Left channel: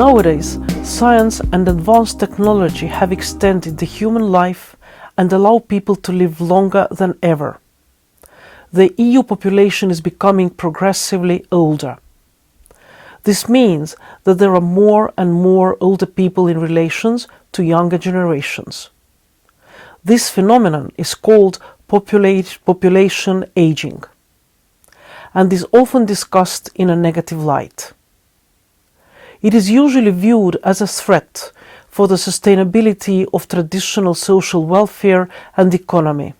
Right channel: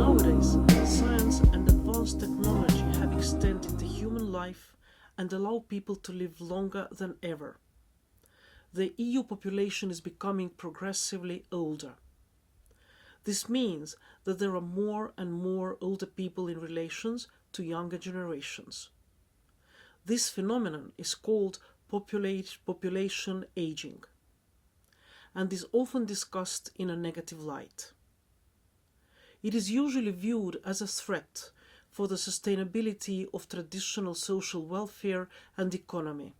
Nowadays, science and advanced technology have extended the human life and allow people to live longer than ever. The EU population is becoming progressively older. This means that there are more and more older people in relation to younger generations. This phenomenon is called population aging, and is often discussed in a negative light. It is usually viewed as a threat for the sustainability of traditional social welfare and economy.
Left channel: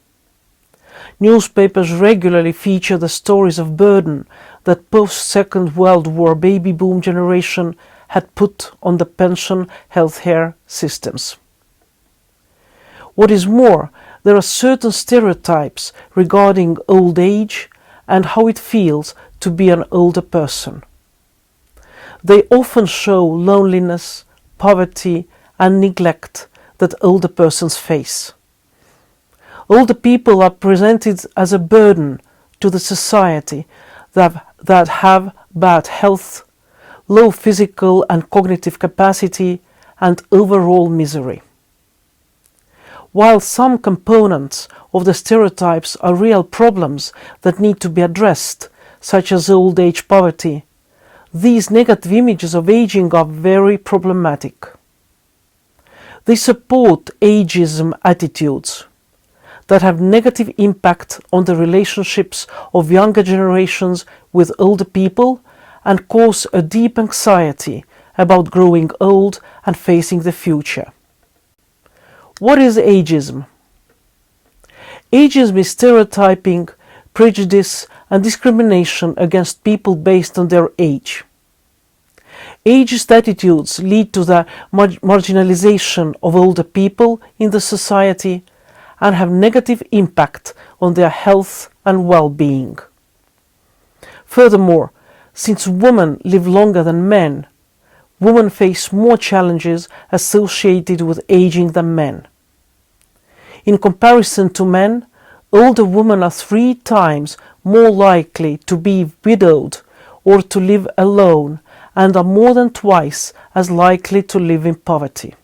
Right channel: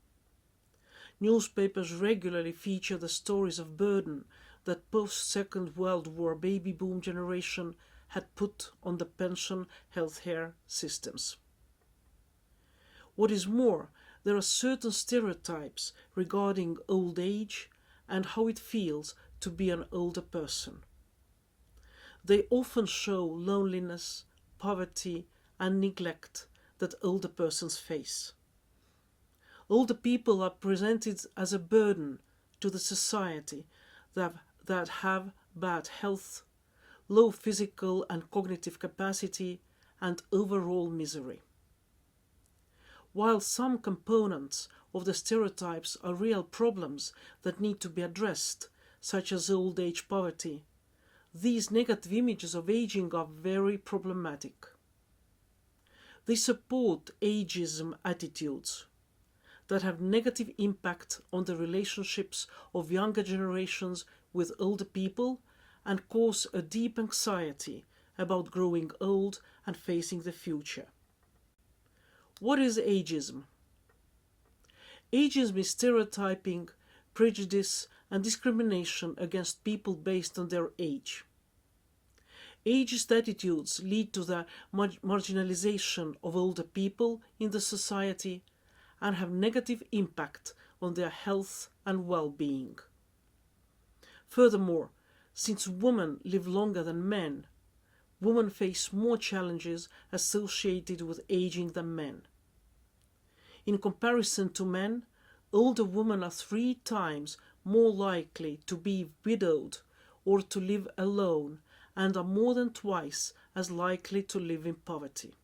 Newspapers regularly feature the stories of burden that post-Second World War baby boom generation had put on the pension healthcare systems. What is more, there are certain stereotypes regarding old age and how it feels to be an older person. They often show loneliness, poverty, and neglect that older persons face. Older people are presented as a burden to the society that have bad health, low physical and cognitive capacity, and overall misery. While some components of the stereotypes are real problems that need to be addressed, such as old age poverty, these negative images of aging are very problematic. They support ageism attitudes that have negative impact on the relationships of younger generations with older people and cause a deep anxiety about growing old and facing the future. What is ageism? Ageism is stereotyping, prejudice, and discrimination against people based on their age. Ageist attitudes lead to the marginalization of older people in the society and have negative impact on their health and well-being. Furthermore, since women live longer than men, women face more challenges associated with aging than men. In comparison to men, older women are 3 times more likely to be widowed or to live alone and are more than twice as likely to live in poverty.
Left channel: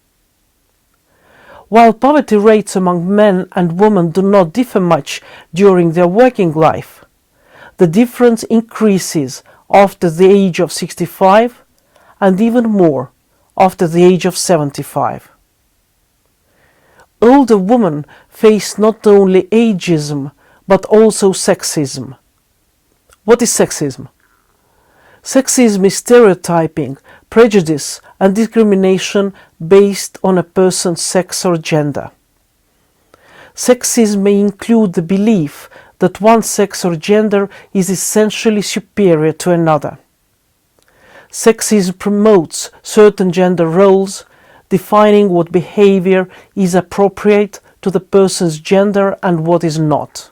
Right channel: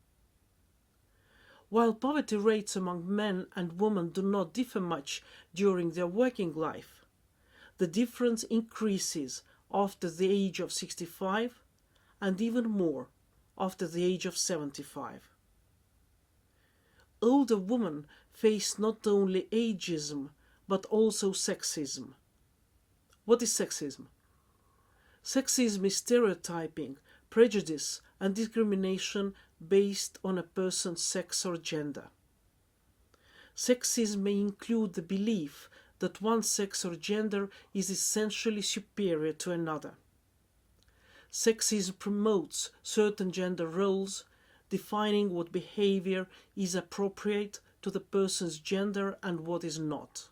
While poverty rates among men and women do not differ much during their working life, the difference increases after the age of 65 and even more after the age of 75. Older women face not only ageism but also sexism. What is sexism? Sexism is stereotyping, prejudice, and discrimination based on a person's sex or gender. Sexism may include the belief that one sex or gender is essentially superior to another. Sexism promotes certain gender roles, defining what behavior is appropriate to the person's gender and what is not.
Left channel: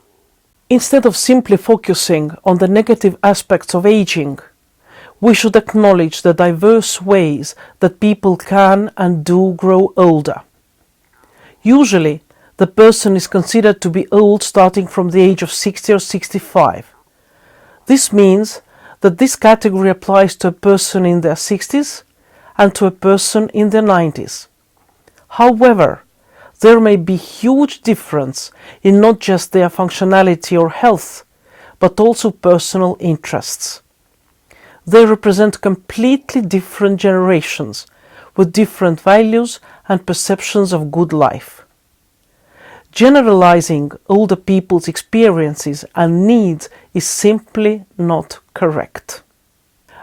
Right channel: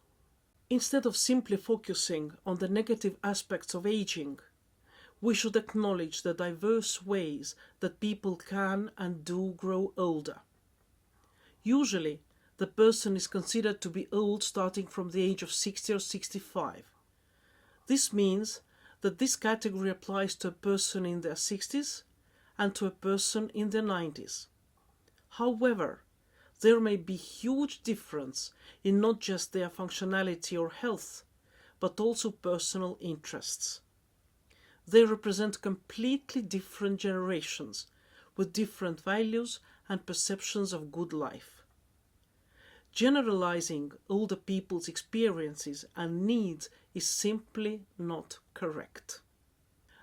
Instead of simply focusing on the negative aspects of aging, we should acknowledge the diverse ways that people can and do grow older. Usually, the person is considered to be old starting from the age of 60 or 65. This means that this category applies to a person in their 60s and to a person in their 90s. However, there may be huge difference in not just their functionality or health, but also personal interests. They represent completely different generations with different values and perceptions of good life. Generalizing older people's experiences and needs is simply not correct.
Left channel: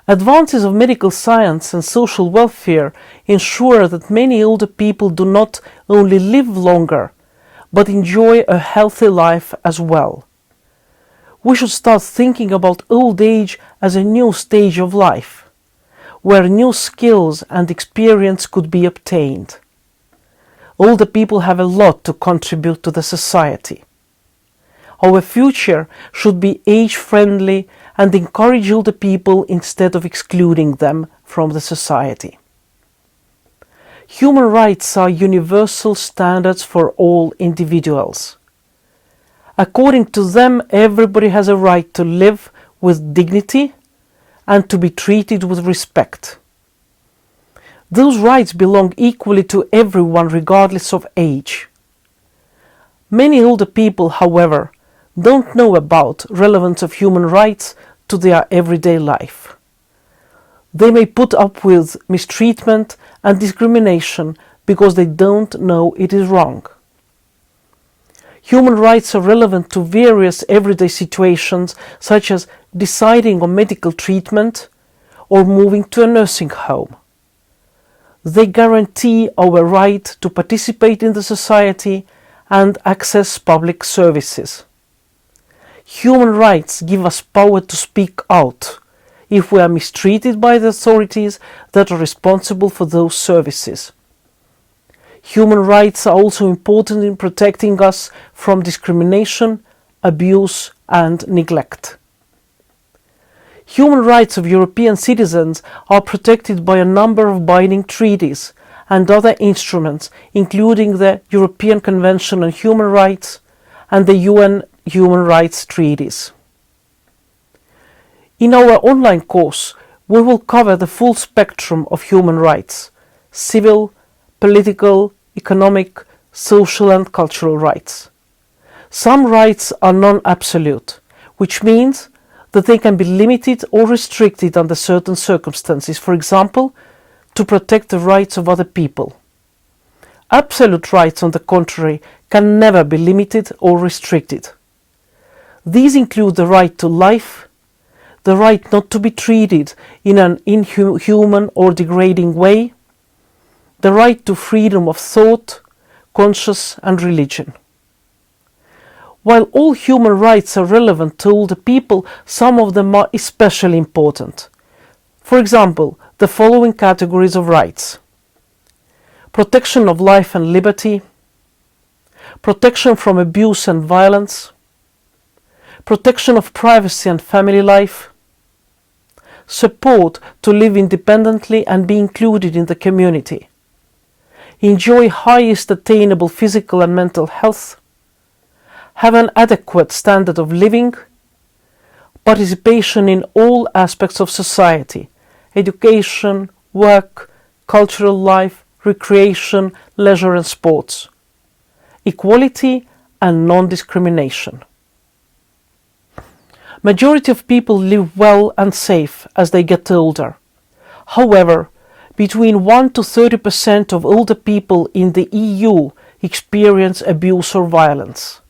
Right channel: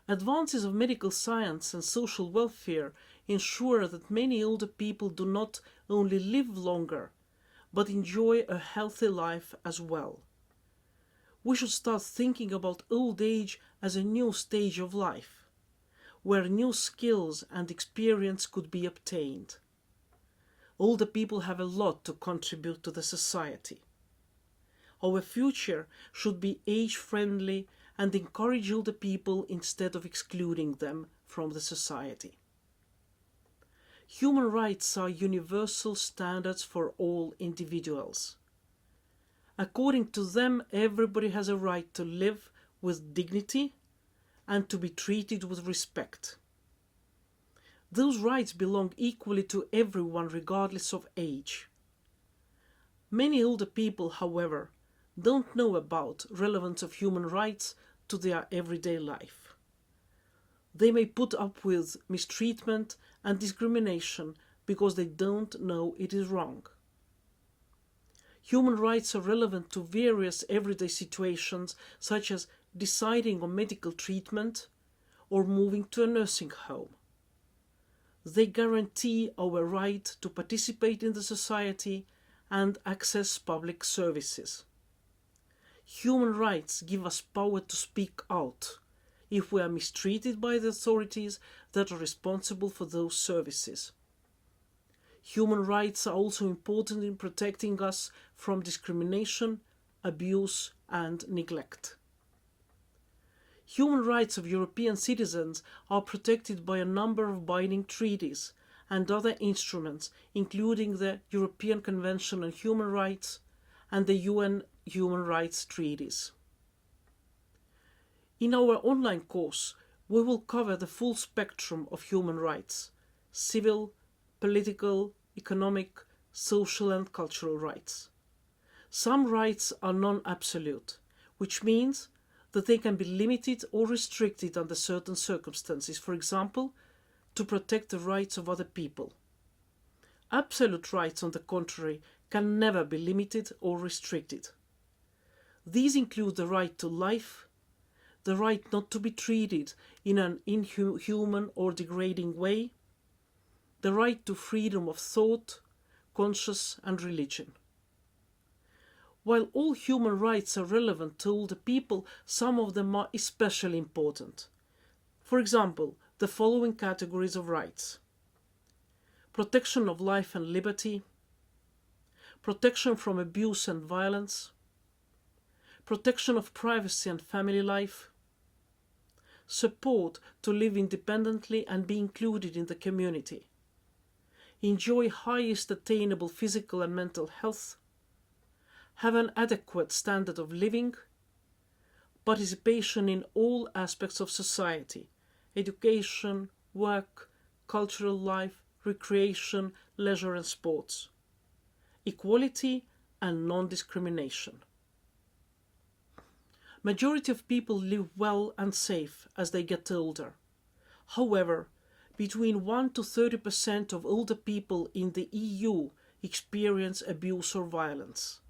Advances of medical science and social welfare ensure that many older people do not only live longer, but enjoy a healthy life as well. We should start thinking about old age as a new stage of life, where new skills and experience could be obtained. Older people have a lot to contribute to the society. Our future should be age-friendly and encourage older people instead of excluding them from the society. Human rights are universal standards for all individuals. According to them, everybody has a right to live with dignity and to be treated with respect. Those rights belong equally to everyone regardless of age. Many older people, however, don't know about relevance of human rights to their everyday life. They may put up with mistreatment and discrimination because they don't know it is wrong. Human rights are relevant to various everyday situations, such as deciding on medical treatment or moving to a nursing home. They guarantee our right to participate in the society and access public services. Human rights give us power to speak out if we are mistreated by the authorities that are responsible for those services. Human rights are also important in protecting us from discrimination, abuse, and neglect. Human rights of European citizens are protected by a number of binding treaties and other instruments, including the European Convention on Human Rights and the UN Human Rights Treaties. In our online course, we will cover the full spectrum of human rights: civil, political, economic, social and cultural rights. Some rights are non-absolute, which means that they can be limited or restricted under certain circumstances, for example, to protect the rights of other people. Absolute rights, on the contrary, can never be limited or restricted. These include the right to life, the right not to be treated in an inhuman or degrading way, the right to freedom of thought, conscience and religion. While all human rights are relevant to all the people, some of them are especially important. For example, the following categories of rights: protection of life and liberty, protection from abuse and violence, protection of privacy and family life, support to live independently and be included in the community, enjoy highest attainable physical and mental health, have an adequate standard of living, participation in all aspects of society: education, work, cultural life, recreation, leisure and sports, equality and non-discrimination. Majority of people live well and safe as they get older. However, between 1 to 30% of older people in the EU experience abuse or violence.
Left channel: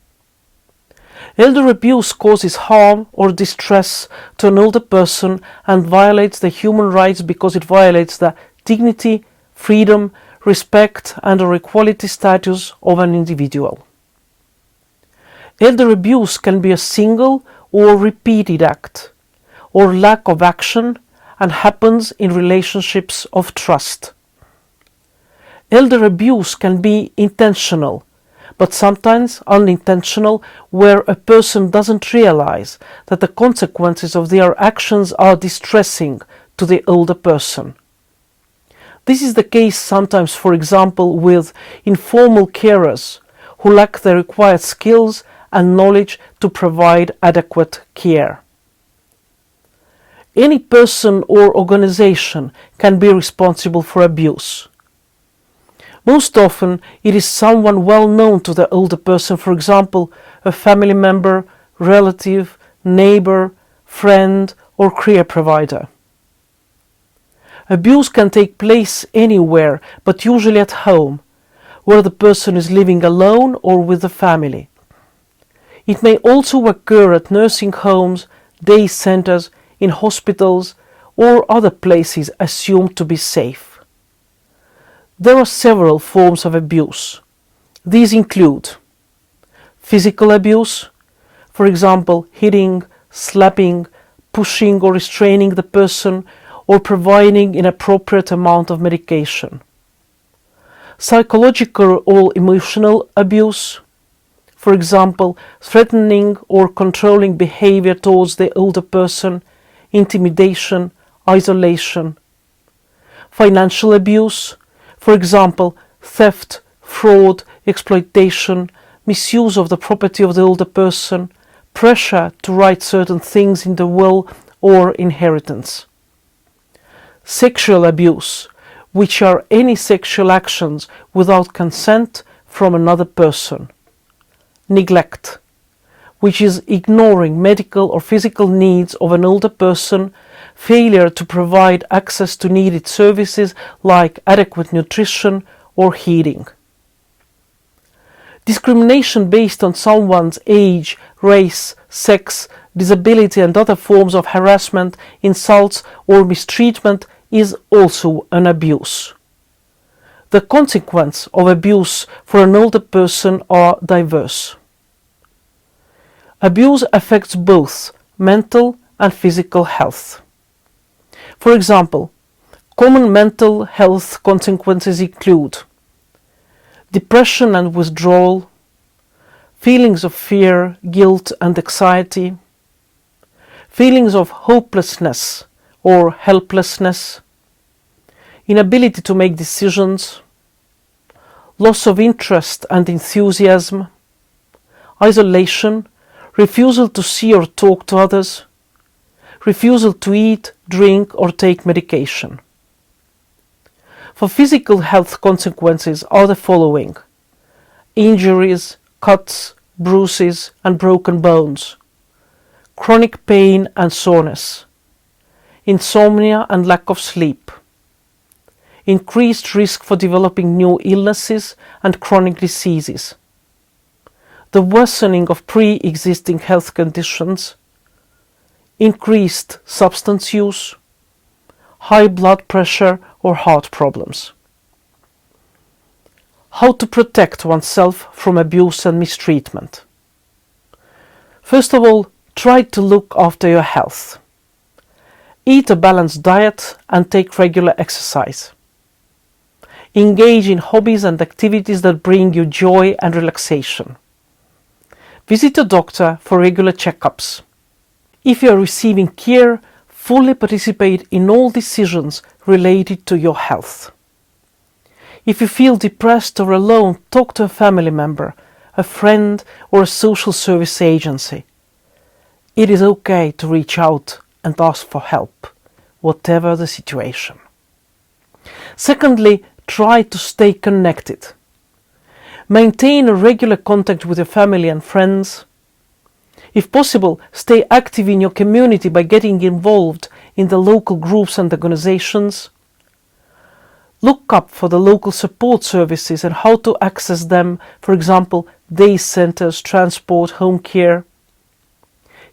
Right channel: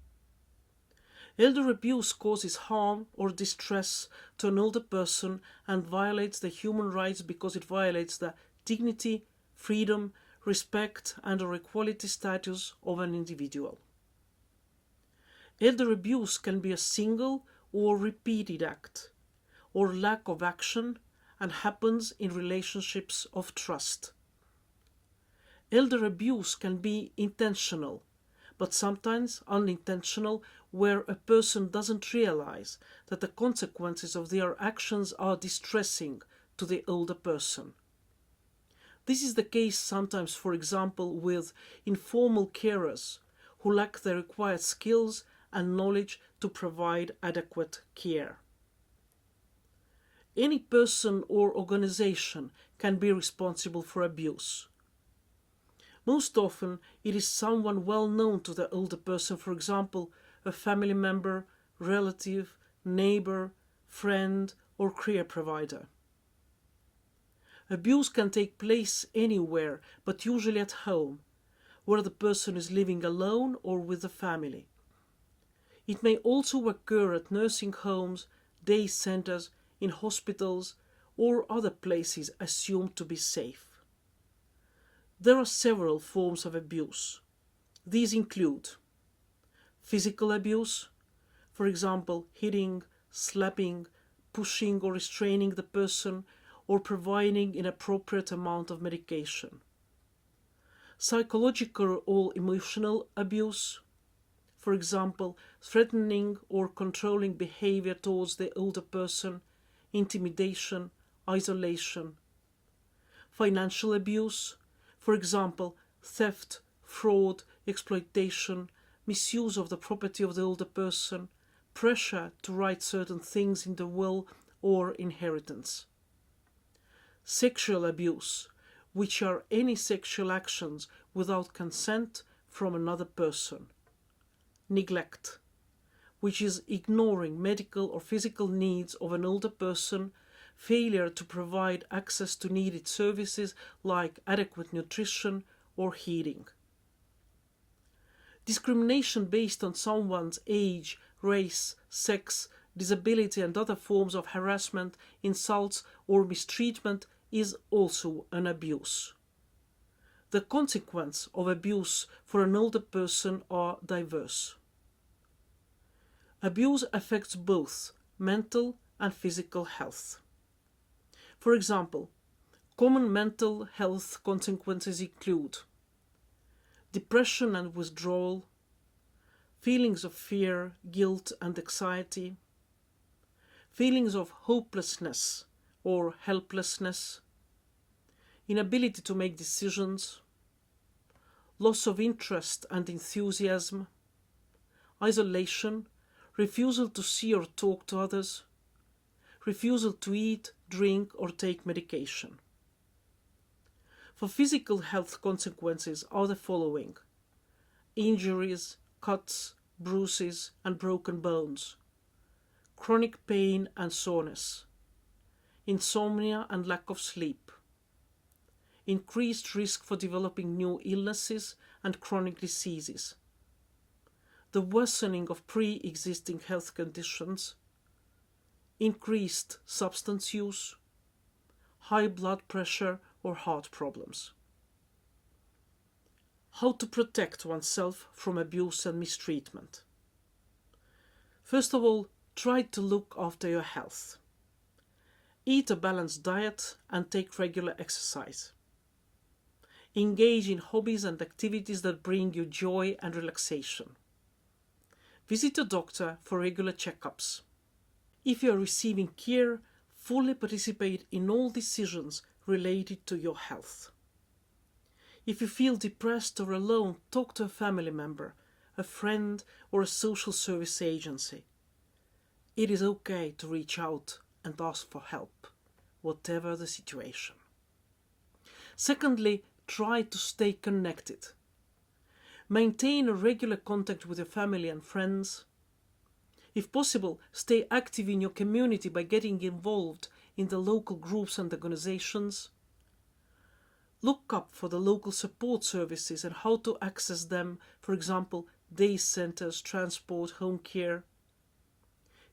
Elder abuse causes harm or distress to an older person and violates the human rights because it violates the dignity, freedom, respect and or equality status of an individual. Elder abuse can be a single or repeated act, or lack of action, and happens in relationships of trust. Elder abuse can be intentional, but sometimes unintentional, where a person doesn't realize that the consequences of their actions are distressing to the older person. This is the case sometimes, for example, with informal carers who lack the required skills and knowledge to provide adequate care. Any person or organization can be responsible for abuse. Most often, it is someone well known to the older person, for example, a family member, relative, neighbor, friend, or career provider. Abuse can take place anywhere, but usually at home, where the person is living alone or with the family. It may also occur at nursing homes, day centers, in hospitals, or other places assumed to be safe. There are several forms of abuse. These include physical abuse, for example, hitting, slapping, pushing or restraining the person, or providing inappropriate amount of medication. Psychological or emotional abuse, for example, threatening or controlling behavior towards the older person, intimidation, isolation. Financial abuse, for example, theft, fraud, exploitation, misuse of the property of the older person, pressure to write certain things in the will or inheritance. Sexual abuse, which are any sexual actions without consent from another person. Neglect, which is ignoring medical or physical needs of an older person, failure to provide access to needed services like adequate nutrition or heating. Discrimination based on someone's age, race, sex, disability and other forms of harassment, insults or mistreatment is also an abuse. The consequences of abuse for an older person are diverse. Abuse affects both mental and physical health. For example, common mental health consequences include depression and withdrawal, feelings of fear, guilt and anxiety, feelings of hopelessness or helplessness, inability to make decisions, loss of interest and enthusiasm, isolation, refusal to see or talk to others, refusal to eat, drink or take medication. For physical health consequences are the following: injuries, cuts, bruises and broken bones, chronic pain and soreness, insomnia and lack of sleep, increased risk for developing new illnesses and chronic diseases, the worsening of pre-existing health conditions, increased substance use, high blood pressure or heart problems. How to protect oneself from abuse and mistreatment? First of all, try to look after your health. Eat a balanced diet and take regular exercise. Engage in hobbies and activities that bring you joy and relaxation. Visit a doctor for regular checkups. If you are receiving care, fully participate in all decisions related to your health. If you feel depressed or alone, talk to a family member, a friend or a social service agency. It is okay to reach out and ask for help, whatever the situation. Secondly, try to stay connected. Maintain a regular contact with your family and friends. If possible, stay active in your community by getting involved in the local groups and organizations. Look up for the local support services and how to access them, for example, day centers, transport, home care.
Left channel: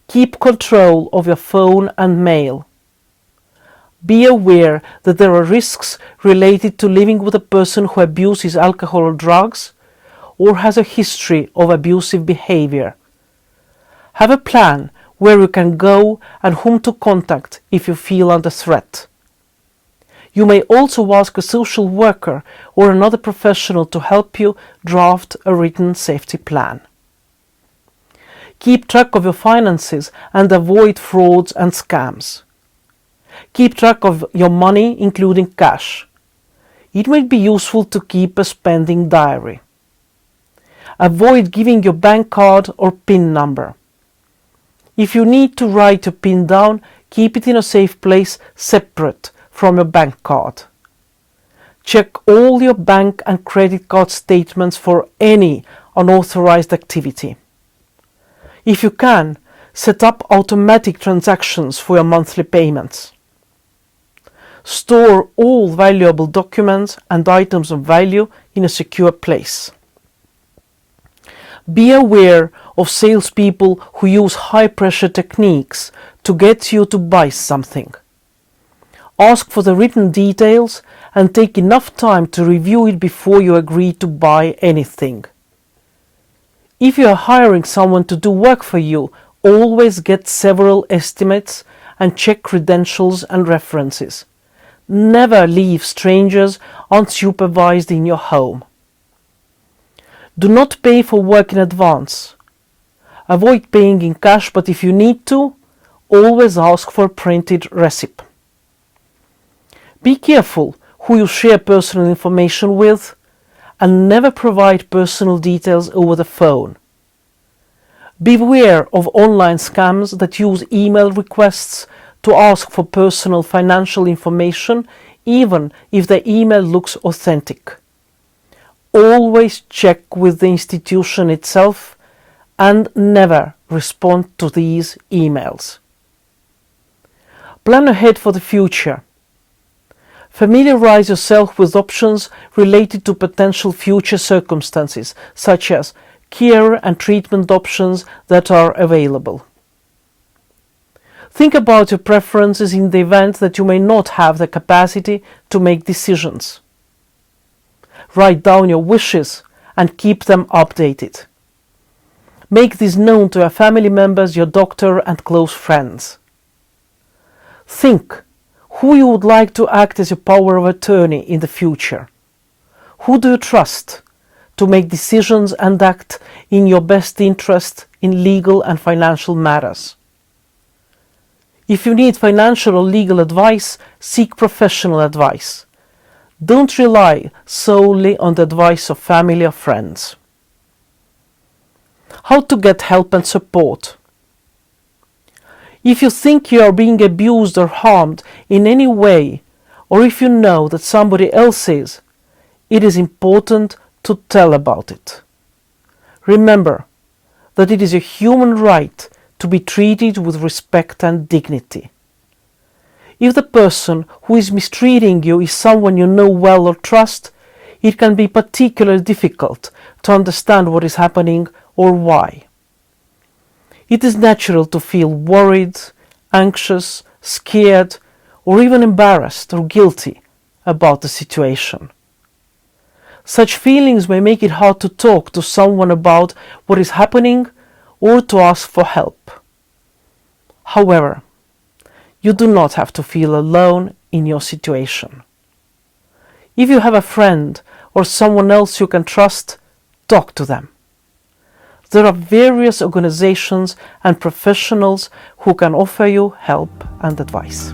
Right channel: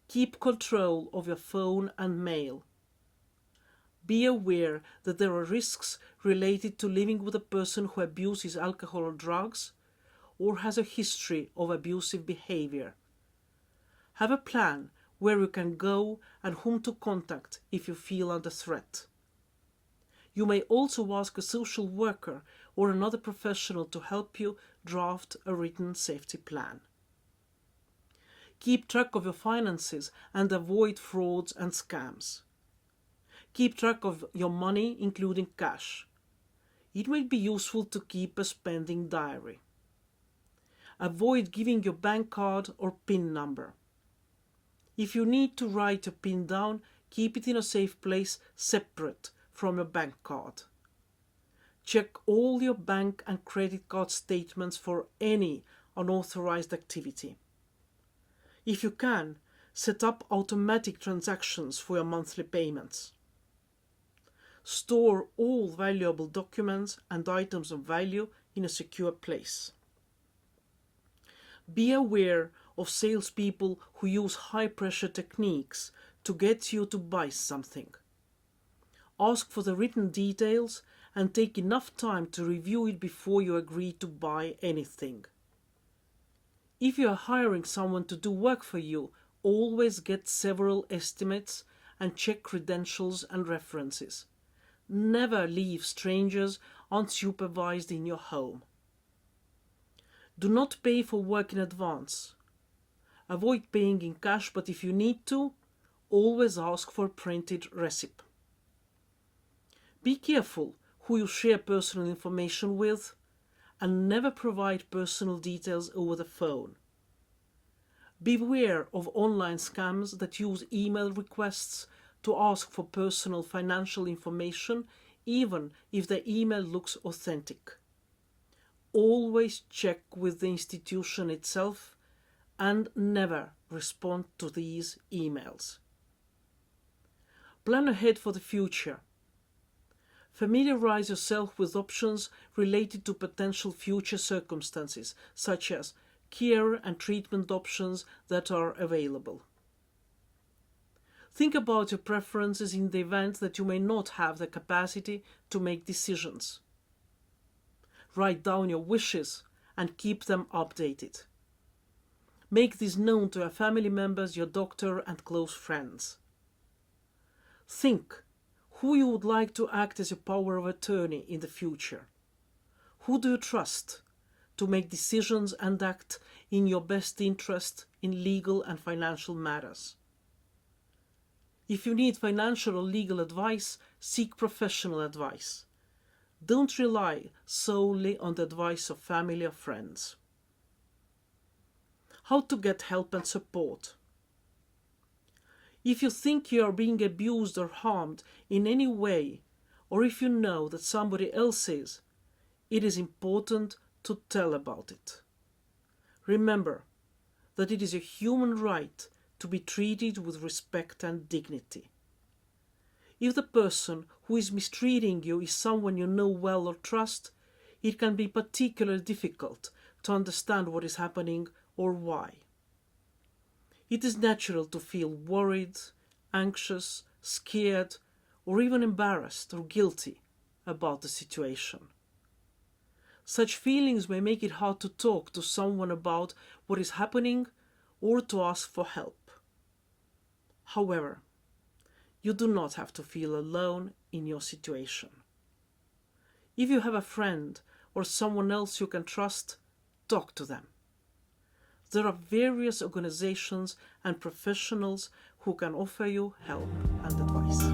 Keep control of your phone and mail. Be aware that there are risks related to living with a person who abuses alcohol or drugs or has a history of abusive behavior. Have a plan where you can go and whom to contact if you feel under threat. You may also ask a social worker or another professional to help you draft a written safety plan. Keep track of your finances and avoid frauds and scams. Keep track of your money, including cash. It may be useful to keep a spending diary. Avoid giving your bank card or PIN number. If you need to write your PIN down, keep it in a safe place separate from your bank card. Check all your bank and credit card statements for any unauthorized activity. If you can, set up automatic transactions for your monthly payments. Store all valuable documents and items of value in a secure place. Be aware of salespeople who use high-pressure techniques to get you to buy something. Ask for the written details and take enough time to review it before you agree to buy anything. If you are hiring someone to do work for you, always get several estimates and check credentials and references. Never leave strangers unsupervised in your home. Do not pay for work in advance. Avoid paying in cash, but if you need to, always ask for a printed receipt. Be careful who you share personal information with and never provide personal details over the phone. Beware of online scams that use email requests to ask for personal financial information even if the email looks authentic. Always check with the institution itself and never respond to these emails. Plan ahead for the future. Familiarize yourself with options related to potential future circumstances, such as care and treatment options that are available. Think about your preferences in the event that you may not have the capacity to make decisions. Write down your wishes and keep them updated. Make this known to your family members, your doctor, and close friends. Think who you would like to act as your power of attorney in the future. Who do you trust to make decisions and act in your best interest in legal and financial matters? If you need financial or legal advice, seek professional advice. Don't rely solely on the advice of family or friends. How to get help and support. If you think you are being abused or harmed in any way, or if you know that somebody else is, it is important to tell about it. Remember that it is a human right to be treated with respect and dignity. If the person who is mistreating you is someone you know well or trust, it can be particularly difficult to understand what is happening or why. It is natural to feel worried, anxious, scared, or even embarrassed or guilty about the situation. Such feelings may make it hard to talk to someone about what is happening or to ask for help. However, you do not have to feel alone in your situation. If you have a friend or someone else you can trust, talk to them. There are various organizations and professionals who can offer you help and advice.